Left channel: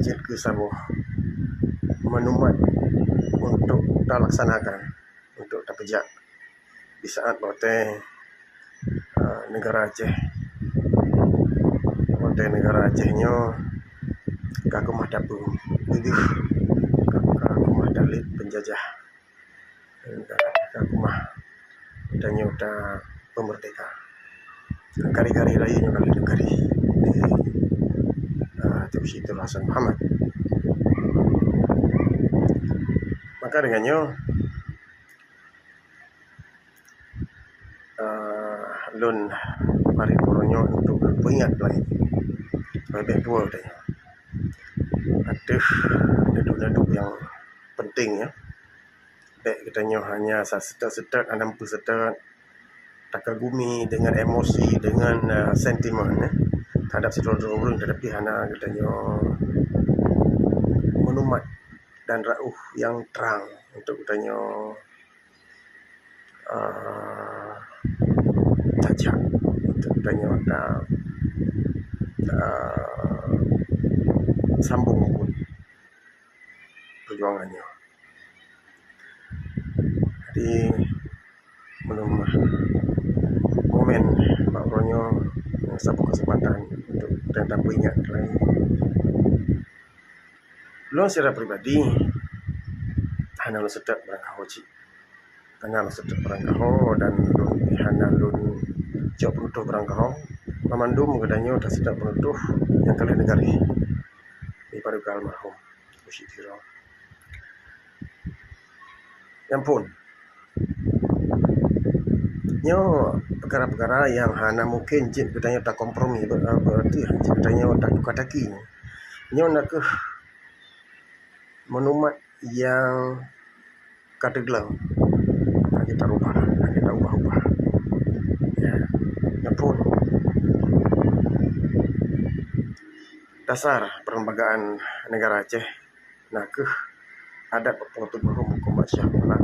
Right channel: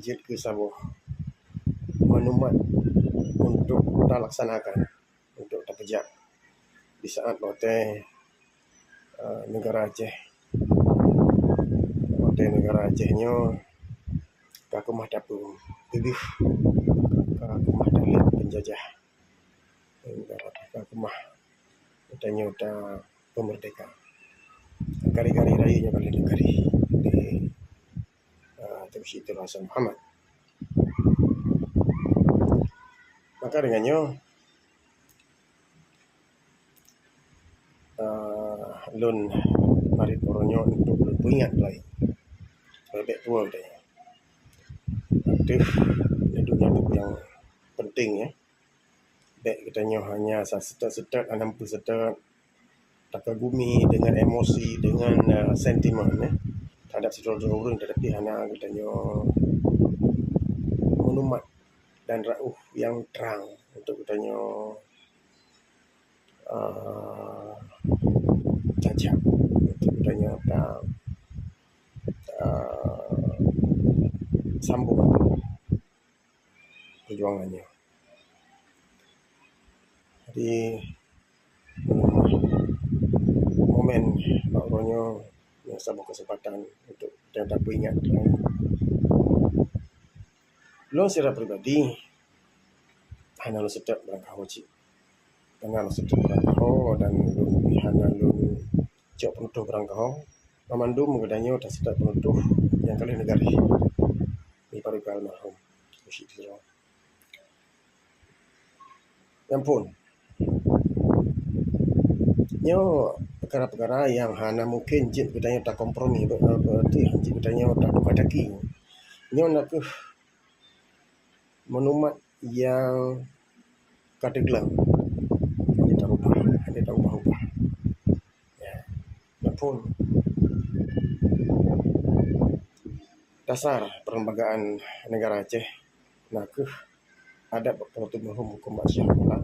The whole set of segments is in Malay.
jet ke Sabah menumat untuk dilaksanakan untuk terpejak di saat hotel negara Aceh. Hotel negara Acehnya kakumah dapu bibir kakumah dalit penjajah kakumah utanya uta pemerdeka kari-kari rayunya kali negari di Tun Sri Hasan Muhammad. Maka dengannya lun mari koronyo untuk ingat lagi lebih tua katanya ada nadu-nadu yang penting ya. Baik katanya hanya setet-setet 60 setet takagumi dengan emosi dengan sentimen ya terhadap saudara-saudara orang, tetapi hanya katanya menumat dan rauh yang terang untuk katanya tajak untuk katanya sambung perjuangannya. Jadi menumah momen makronya yang satu kesempatan untuk kita ingat lagi. Lo secara pribadi hanya lo sedap berangkau cik, hanya lo sedap berangkau dan lo hanya lo jauh penutup berangkau. Memandum katanya dah sedap penutup yang kali negari di paduka almarhum Bushidiro. Yang pun nyo perkara-perkara yang hana mungkin jin katanya tak kompromi berarti jin katanya tak tukar daki nyo nak ke menumat yang kata gelam kita ubah ya. Yang pun dasar perlembagaan negara Aceh nak ke adat pengutup hukum Masyarakat pula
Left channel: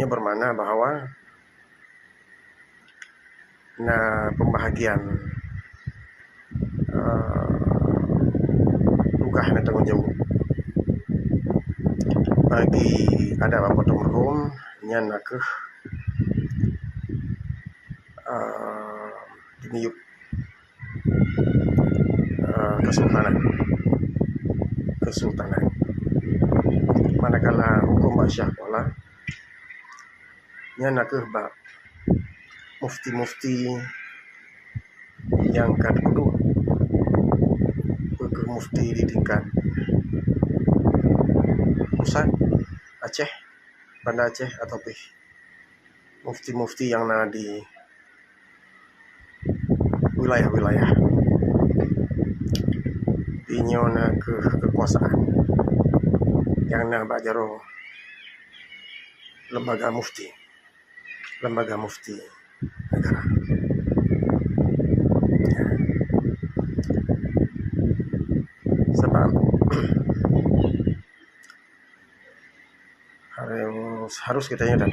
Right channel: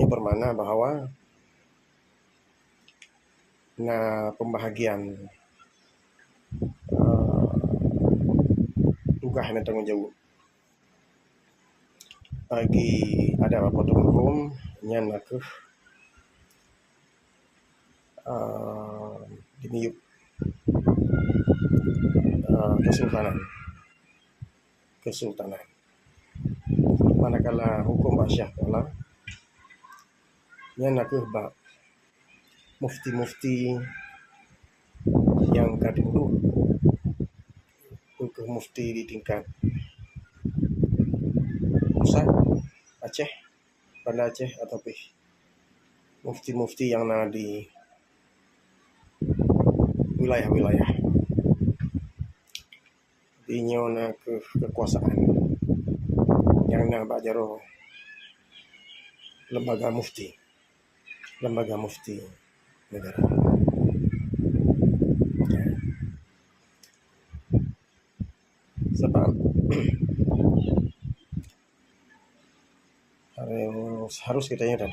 ini bermakna bahawa pembahagian tugas dan tanggungjawab bagi adat pengutup hukum yang nak ke diniup kesultanan. Manakala hukum Basyah pula yang nak ke bab mufti-mufti yang kedua ke mufti di tingkat pusat Aceh, Bandar Aceh atau mufti-mufti yang ada di wilayah-wilayah inyo ke kekuasaan yang nak bajaro lembaga mufti negara. Sebab harus kitanya dah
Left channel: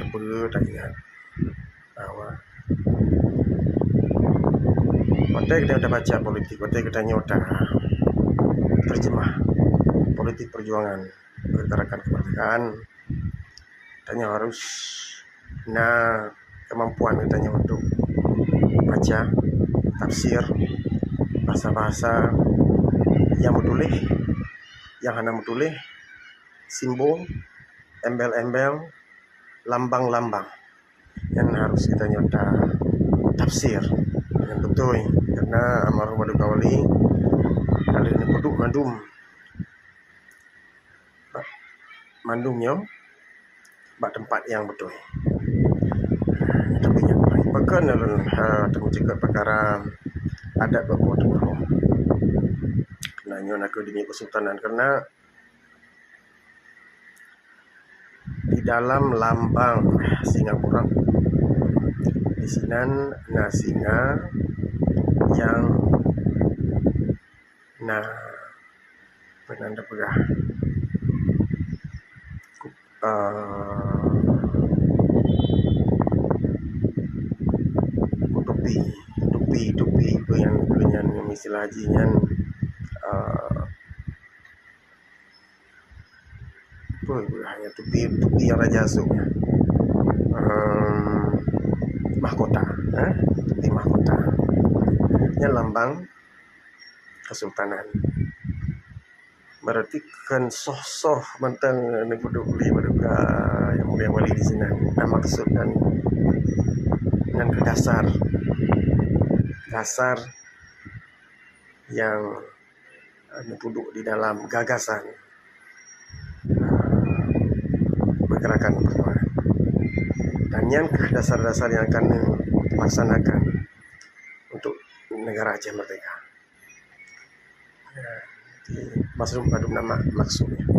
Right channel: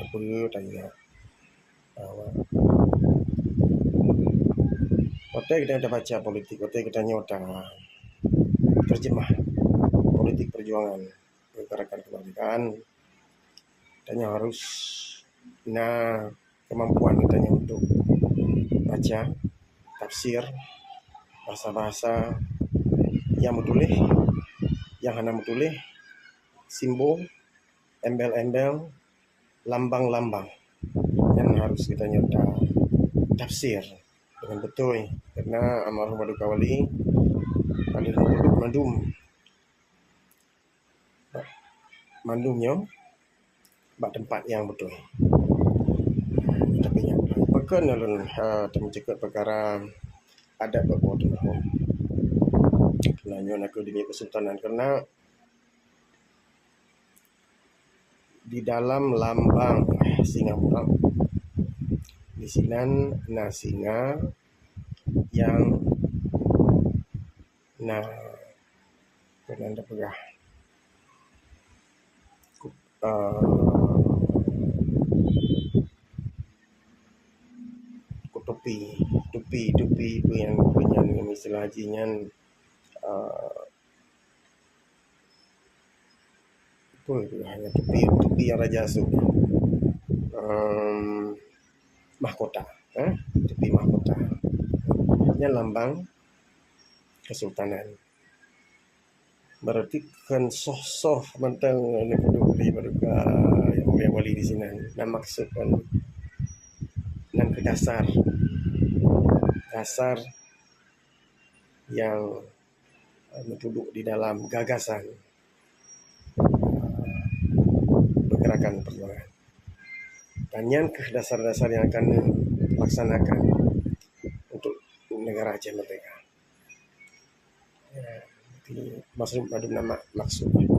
ingat bahwa waktu kita dah baca politik, waktu kita dah terjemah politik perjuangan gerakan kemerdekaan, katanya harus kemampuan katanya untuk baca tafsir bahasa-bahasa yang mutulih, yang hana mutulih, simbol, embel-embel, lambang-lambang yang harus kita nyota tafsir dengan betul, karena almarhum Paduka Wali kali ini produk mandumnya bak tempat yang betul. Tapi yang lain pekan dalam temu cakap perkara adat berbuat mahrum. Kenanya nak demi kesultanan karena di dalam lambang Singapura di sinan singa yang penanda pegah kutub tupi yang istilah hajinya hanya tupi yang raja asuh, mahkota, tupi mahkota yang lambang kesultanan. Berarti kan soh mentang ni penduduk beli berduka yang wali di sini. Dan maksud dan ke dasar yang duduk di dalam gagasan pergerakan perjuangan. Dan yang dasar-dasar yang akan dilaksanakan untuk negara Aceh merdeka. Maksud nama maksudnya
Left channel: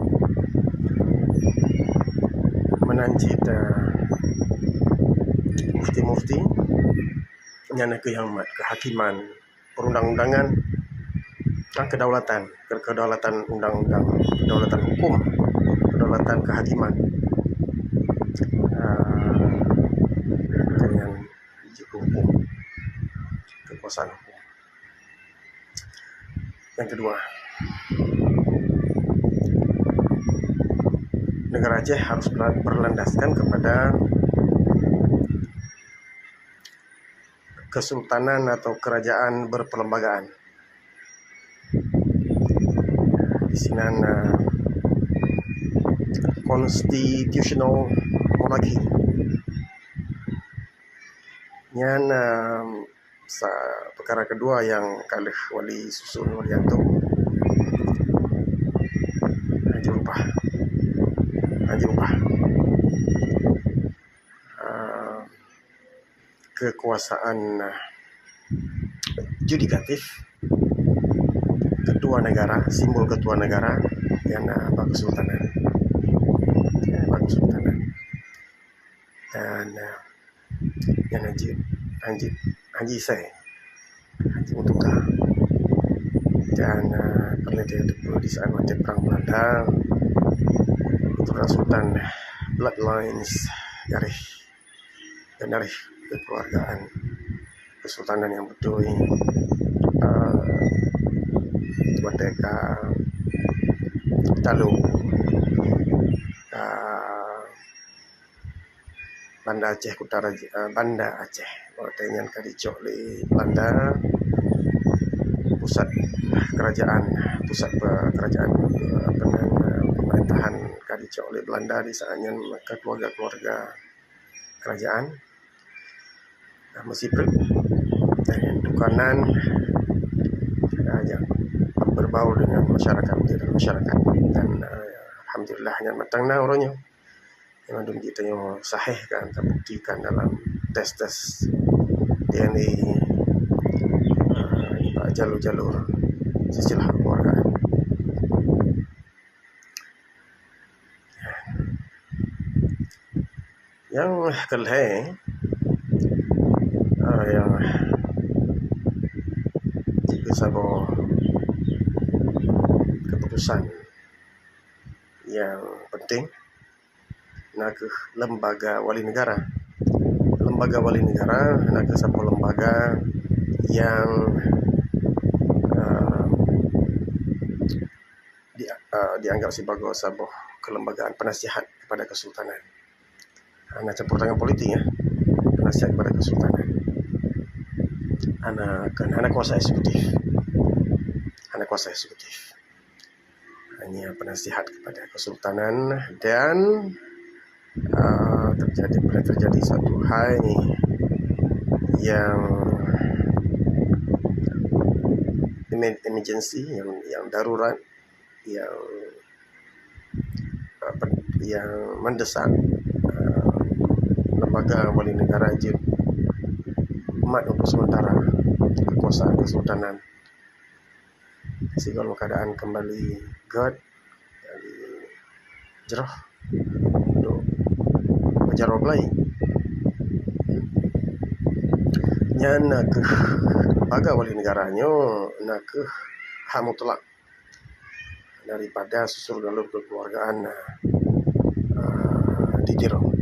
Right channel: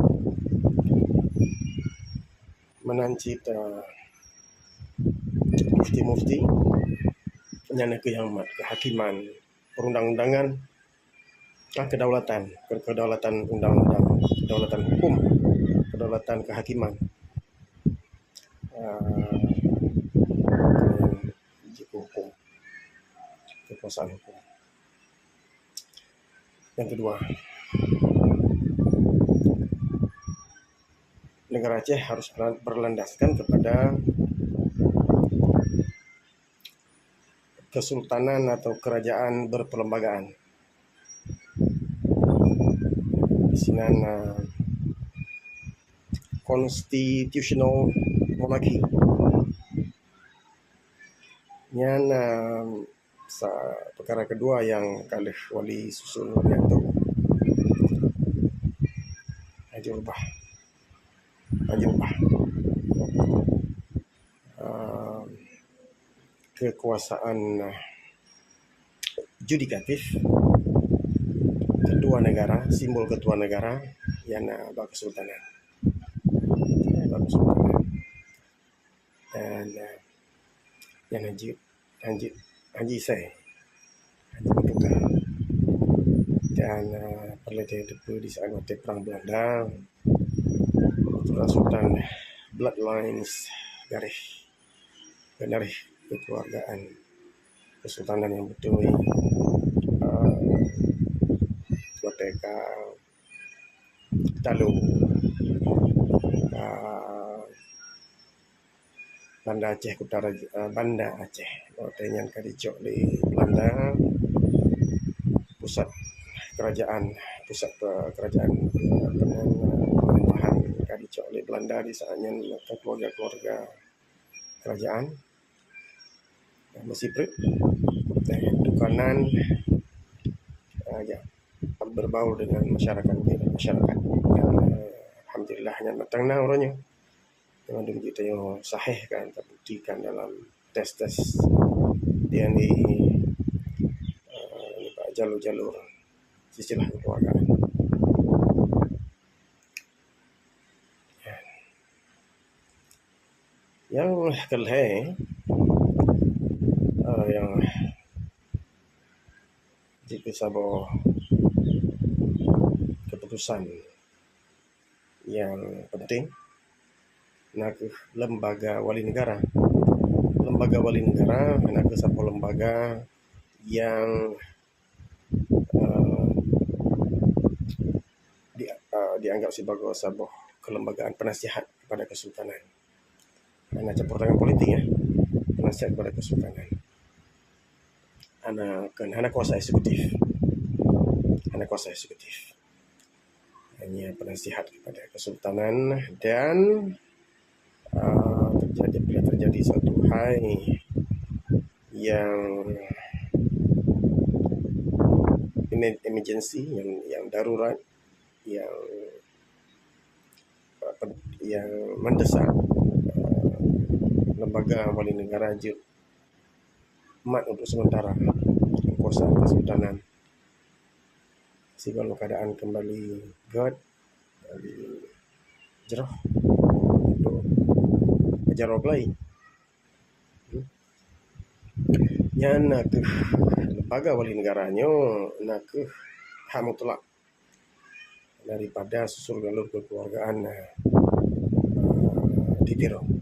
menancit mufti-mufti yang kehakiman, perundang-undangan, kedaulatan undang-undang, kedaulatan hukum, kedaulatan kehakiman, dengan hukum, kekuasaan hukum. Yang kedua, negara Aceh harus berlandaskan kepada kesultanan atau kerajaan berperlembagaan. Di sini constitutional monarchy. Yang perkara kedua yang kalih wali susun Walianto Haji Rubah kekuasaan judikatif ketua negara, simbol ketua negara yang kesultanan. Dan yang Haji Isai, Haji Mutuka, dan pernah di saat waktu perang Belanda, keturunan Sultan, bloodlines, garis kekeluargaan kesultanan yang betul Wateka Talu Banda Aceh Kutara, Banda Aceh yang kadicok di Belanda, pusat kerajaan pemerintahan kadicok oleh Belanda di saatnya keluarga kerajaan Mesipret dan dukanan berbaur dengan masyarakat dan alhamdulillah yang matang na orangnya yang ada kita yang sahih kan terbuktikan dalam tes DNA jalur silsilah keluargaan. Yang kedua yang jika sebuah keputusan yang penting nak lembaga wali negara nak sebuah lembaga yang dianggap sebagai sebuah kelembagaan penasihat kepada kesultanan. Anak campur tangan politik penasihat kepada kesultanan. Anak kuasa eksekutif. Hanya penasihat kepada kesultanan dan terjadi satu hal yang emergency, yang darurat, yang mendesak, lembaga wali negara mat untuk sementara kekuasaan kesultanan sehingga keadaan kembali jerah untuk berjarah lain. Yang nak lembaga wali negaranya nak hak mutlak daripada susur galur kekeluargaan di Tirong.